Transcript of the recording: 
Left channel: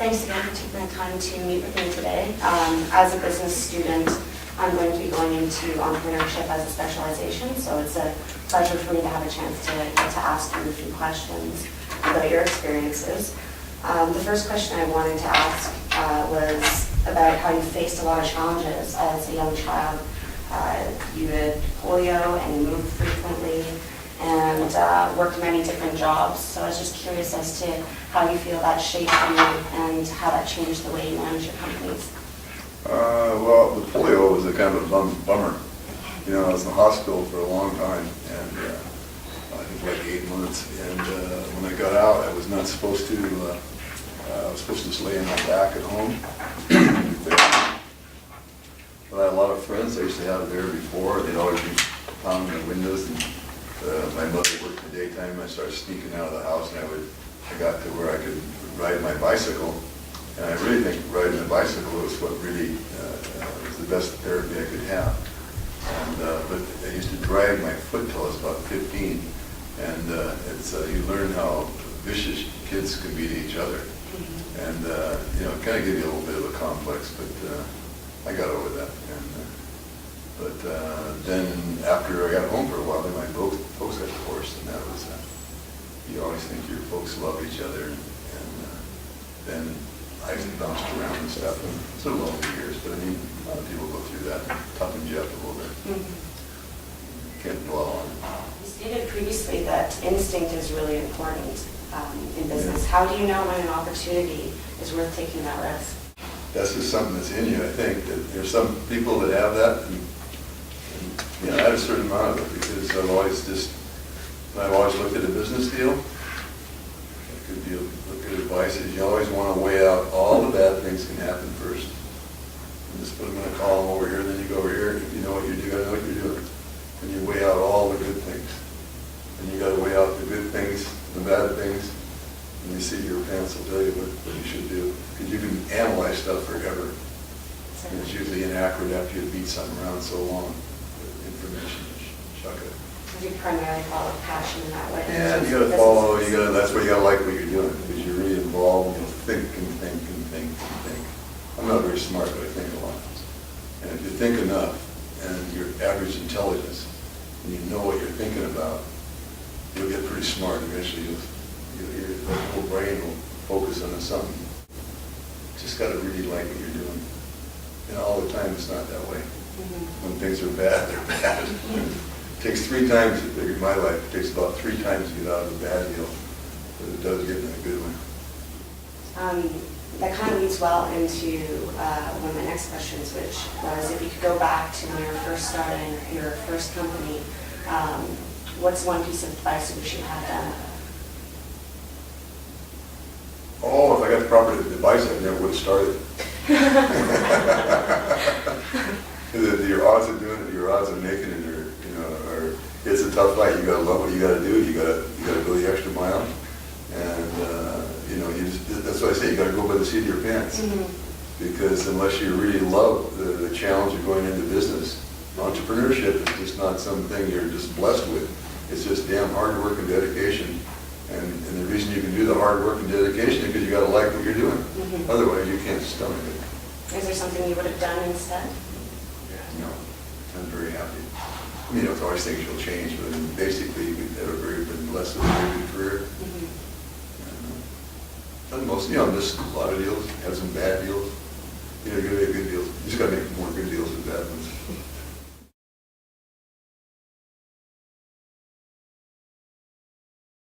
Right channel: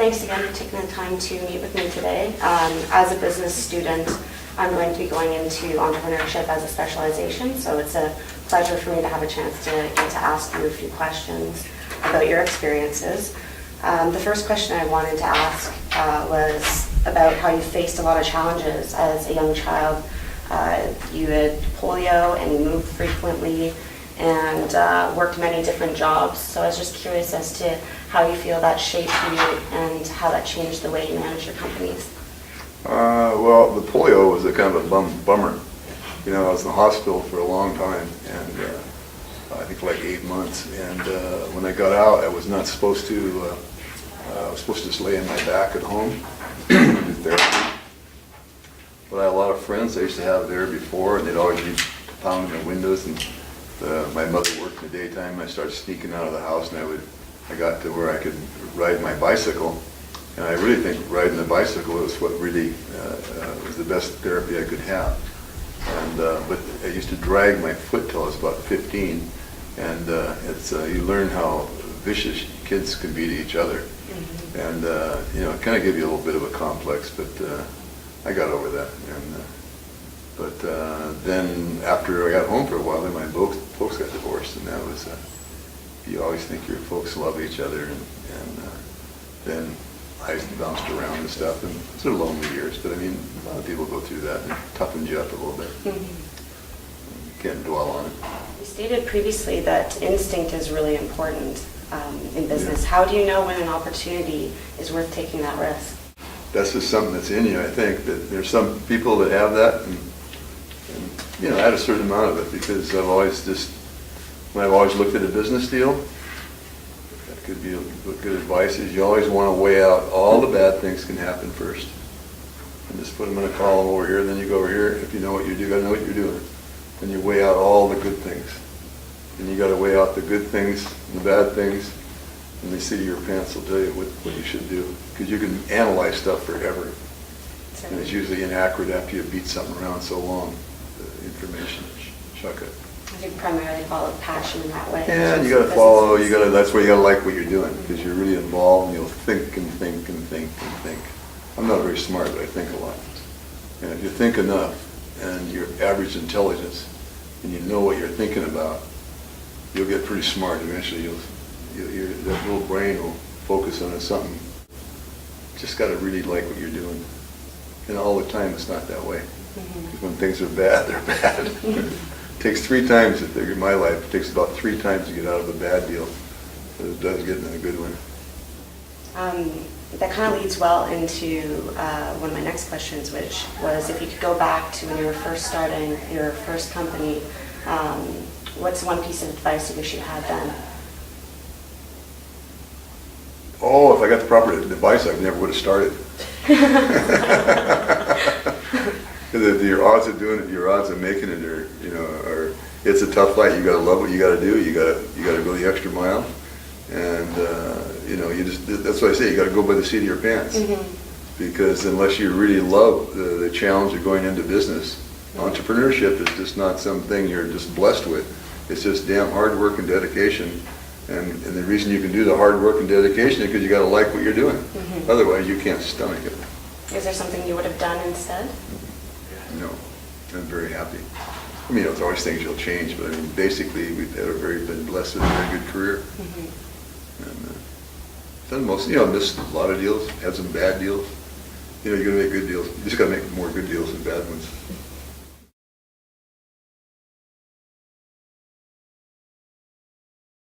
Thanks again for taking the time to meet with me today. As a business student, I'm going to be going into entrepreneurship as a specialization, so it's a pleasure for me to have a chance to get to ask you a few questions about your experiences. The first question I wanted to ask was about how you faced a lot of challenges as a young child. You had polio and you moved frequently and worked many different jobs. So I was just curious as to how you feel that shaped you and how that changed the way you manage your companies. Well, the polio was a kind of a bummer. You know, I was in the hospital for a long time, and I think like 8 months. And when I got out, I was not supposed to. I was supposed to just lay on my back at home. But I had a lot of friends I used to have there before, and they'd always be pounding the windows. And my mother worked in the daytime, and I started sneaking out of the house, and I got to where I could ride my bicycle. And I really think riding the bicycle was what really was the best therapy I could have. And but I used to drag my foot till I was about 15, and it's you learn how vicious kids can be to each other. And you know, it kind of gave you a little bit of a complex, but I got over that. And then after I got home for a while, then my folks got divorced, and that was you always think your folks love each other, and then I bounced around and stuff, and it's a lonely years, but I mean, a lot of people go through that and toughen you up a little bit. Can't dwell on it. You stated previously that instinct is really important in business. How do you know when an opportunity is worth taking that risk? That's just something that's in you, I think, that there's some people that have that, and you know, I had a certain amount of it, because I've always when I've always looked at a business deal, that could be good advice, is you always want to weigh out all the bad things can happen first. And just put them in a column over here, then you go over here, if you know what you do, you gotta know what you're doing. And you weigh out all the good things. And you gotta weigh out the good things and the bad things, and the seat of your pants will tell you what you should do. Because you can analyze stuff forever. And it's usually inaccurate after you beat something around so long. The information, chuck it. I think primarily follow passion in that way. Yeah, you got to follow. That's where you got to like what you're doing, because you're really involved, and you'll think and think and think and think. I'm not very smart, but I think a lot. And if you think enough, and your average intelligence, and you know what you're thinking about, you'll get pretty smart. Eventually, that little brain will focus on something. Just got to really like what you're doing. And all the time, it's not that way. When things are bad, they're bad. It takes 3 times, in my life, it takes about 3 times to get out of a bad deal, but it does get in a good one. That kind of leads well into one of my next questions, which was if you could go back to when you were first starting your first company, what's one piece of advice you wish you had then? Oh, if I got the proper advice, I never would have started. Because your odds of doing it, your odds of making it are it's a tough fight. You got to love what you got to do. You got to go the extra mile, and that's what I say. You got to go by the seat of your pants, because unless you really love the challenge of going into business, entrepreneurship is just not something you're just blessed with. It's just damn hard work and dedication, and the reason you can do the hard work and dedication is because you got to like what you're doing. Otherwise, you can't stomach it. Is there something you would have done instead? No, I'm very happy. I mean, there's always things you'll change, but I mean, basically, we've had been blessed with a very good career. And done most, missed a lot of deals, had some bad deals. You're gonna make good deals. You just gotta make more good deals than bad ones.